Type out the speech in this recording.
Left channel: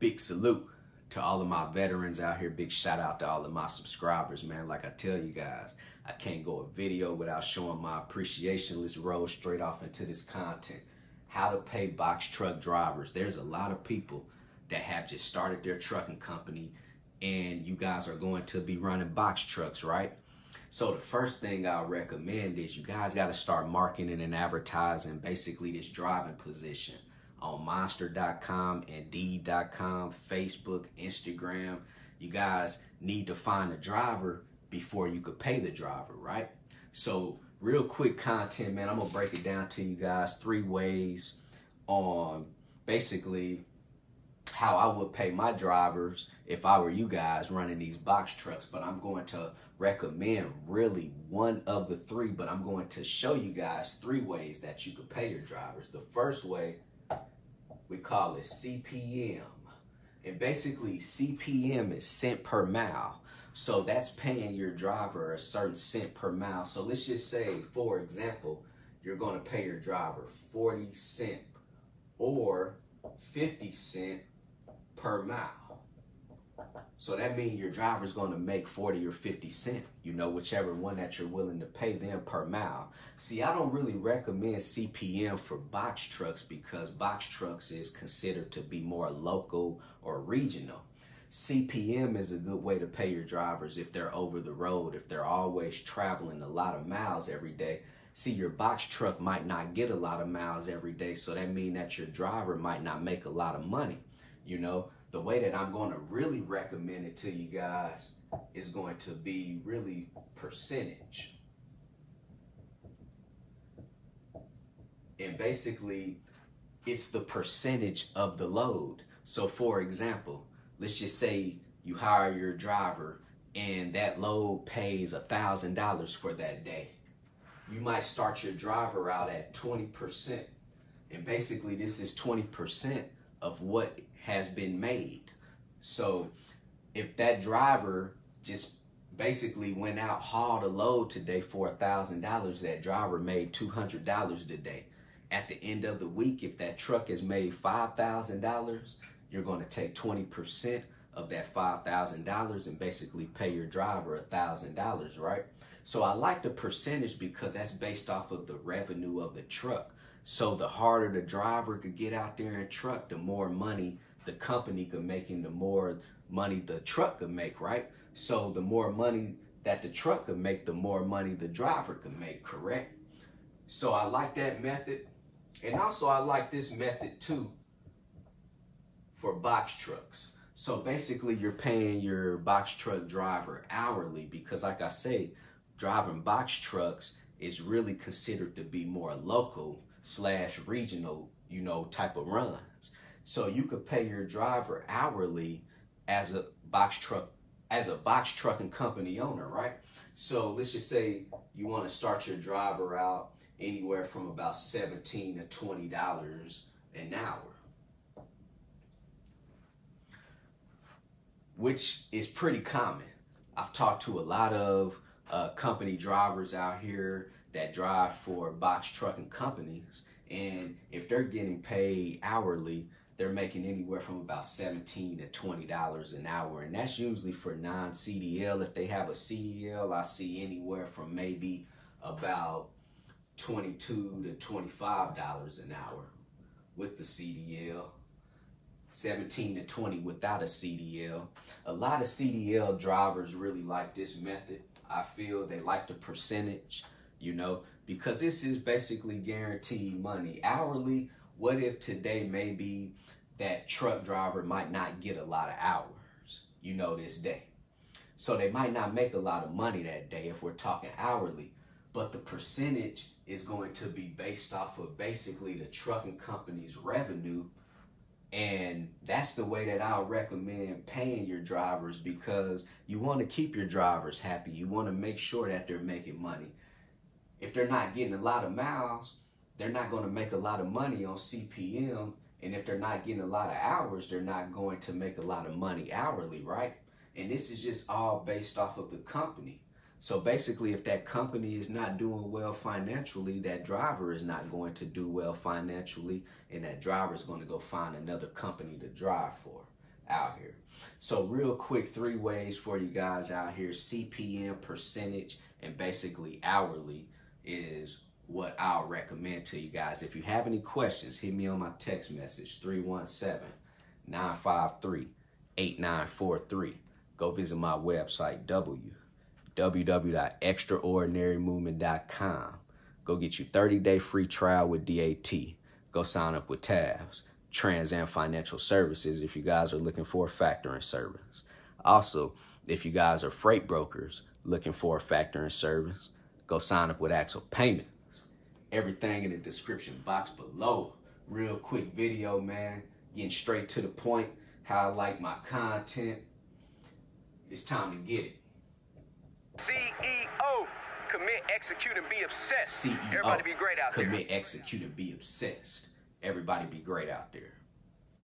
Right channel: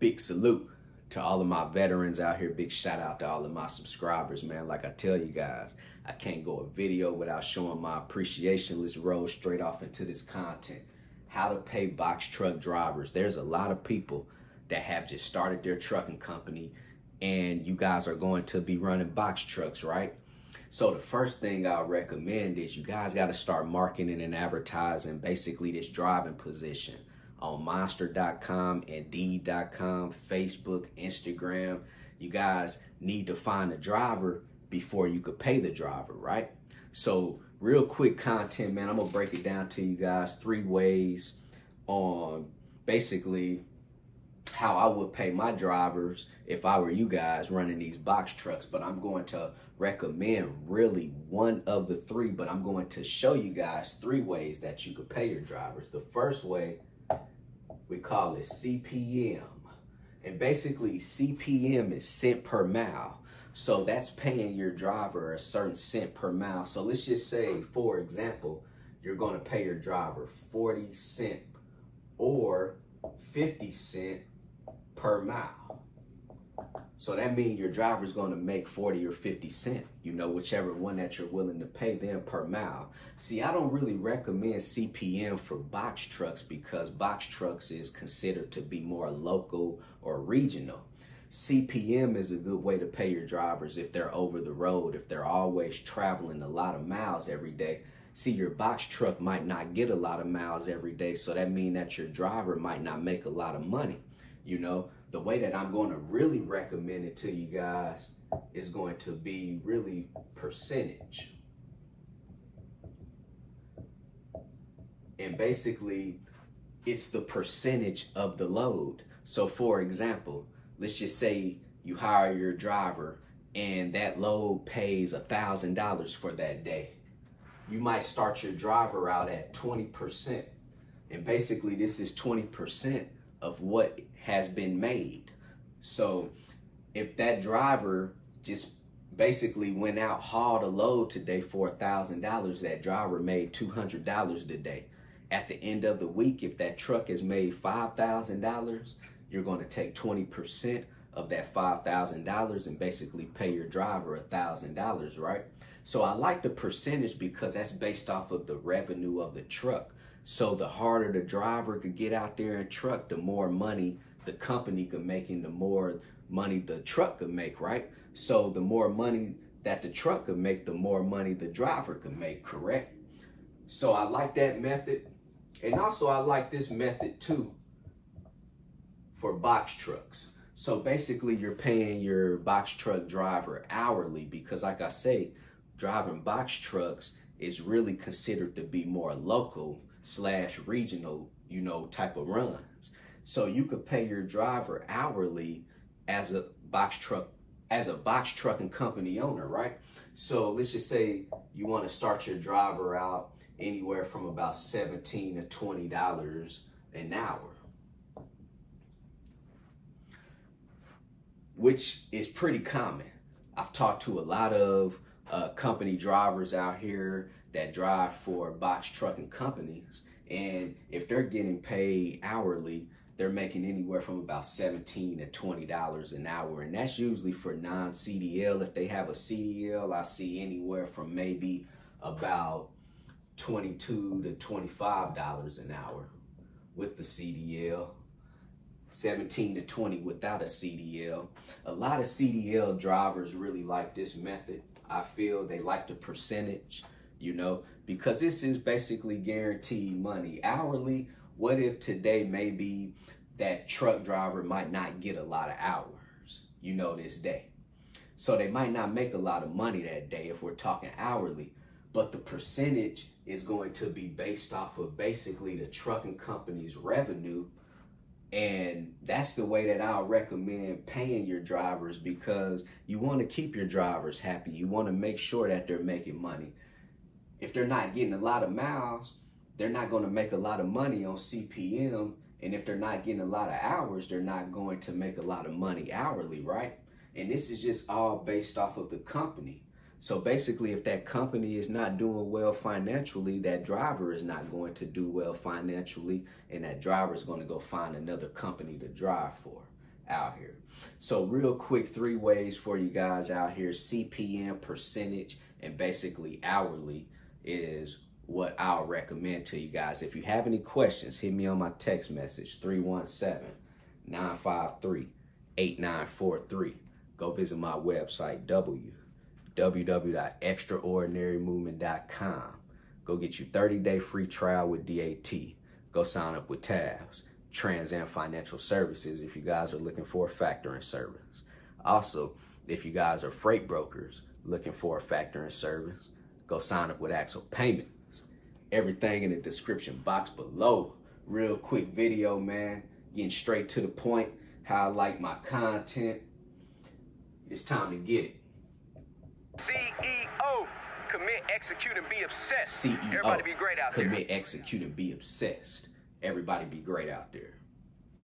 Big salute to all of my veterans out here. Big shout out to all of my subscribers, man. Like I tell you guys, I can't go a video without showing my appreciation. Let's roll straight off into this content. How to pay box truck drivers. There's a lot of people that have just started their trucking company, and you guys are going to be running box trucks, right? So the first thing I'll recommend is you guys got to start marketing and advertising basically this driving position on monster.com, indeed.com, Facebook, Instagram. You guys need to find a driver before you could pay the driver, right? So real quick content, man, I'm gonna break it down to you guys 3 ways on basically how I would pay my drivers if I were you guys running these box trucks. But I'm going to recommend really one of the 3, but I'm going to show you guys 3 ways that you could pay your drivers. The first way, we call it CPM. And basically CPM is cent per mile. So that's paying your driver a certain cent per mile. So let's just say, for example, you're going to pay your driver 40 cents or 50 cents per mile. So that means your driver's going to make 40 or 50 cents, you know, whichever one that you're willing to pay them per mile. See, I don't really recommend CPM for box trucks because box trucks is considered to be more local or regional. CPM is a good way to pay your drivers if they're over the road, if they're always traveling a lot of miles every day. See, your box truck might not get a lot of miles every day, so that means that your driver might not make a lot of money. You know, the way that I'm going to really recommend it to you guys is going to be really percentage. And basically, it's the percentage of the load. So for example, let's just say you hire your driver and that load pays $1,000 for that day. You might start your driver out at 20%. And basically this is 20% of what has been made. So if that driver just basically went out, hauled a load today for $1,000, that driver made $200 today. At the end of the week, if that truck has made $5,000, you're going to take 20% of that $5,000 and basically pay your driver $1,000, right? So I like the percentage because that's based off of the revenue of the truck. So the harder the driver could get out there and truck, the more money the company could make and the more money the truck could make, right? So the more money that the truck could make, the more money the driver could make, correct? So I like that method. And also I like this method too for box trucks. So basically you're paying your box truck driver hourly because, like I say, driving box trucks is really considered to be more local / regional, you know, type of runs. So you could pay your driver hourly as a box trucking company owner, right? So let's just say you want to start your driver out anywhere from about $17 to $20 an hour, which is pretty common. I've talked to a lot of company drivers out here that drive for box trucking companies, and if they're getting paid hourly, they're making anywhere from about $17 to $20 an hour, and that's usually for non-CDL. If they have a CDL, I see anywhere from maybe about $22 to $25 an hour with the CDL, 17 to 20 without a CDL. A lot of CDL drivers really like this method. I feel they like the percentage, you know, because this is basically guaranteed money. Hourly, what if today maybe that truck driver might not get a lot of hours, you know, this day. So they might not make a lot of money that day if we're talking hourly, but the percentage is going to be based off of basically the trucking company's revenue. And that's the way that I'll recommend paying your drivers, because you want to keep your drivers happy. You want to make sure that they're making money. If they're not getting a lot of miles, they're not going to make a lot of money on CPM. And if they're not getting a lot of hours, they're not going to make a lot of money hourly, right? And this is just all based off of the company. So basically, if that company is not doing well financially, that driver is not going to do well financially, and that driver is going to go find another company to drive for. out here. So real quick, 3 ways for you guys out here. CPM, percentage, and basically hourly is what I'll recommend to you guys. If you have any questions, hit me on my text message, 317-953-8943. Go visit my website, www.extraordinarymovement.com. Go get you 30-day free trial with DAT. Go sign up with TAFS, Trans and Financial Services, if you guys are looking for a factoring service. Also, if you guys are freight brokers looking for a factoring service, go sign up with Axle Payments. Everything in the description box below. Real quick video, man. Getting straight to the point. How I like my content. It's time to get it. CEO, commit, execute, and be obsessed. CEO, everybody be great out there. Commit, execute, and be obsessed. Everybody be great out there.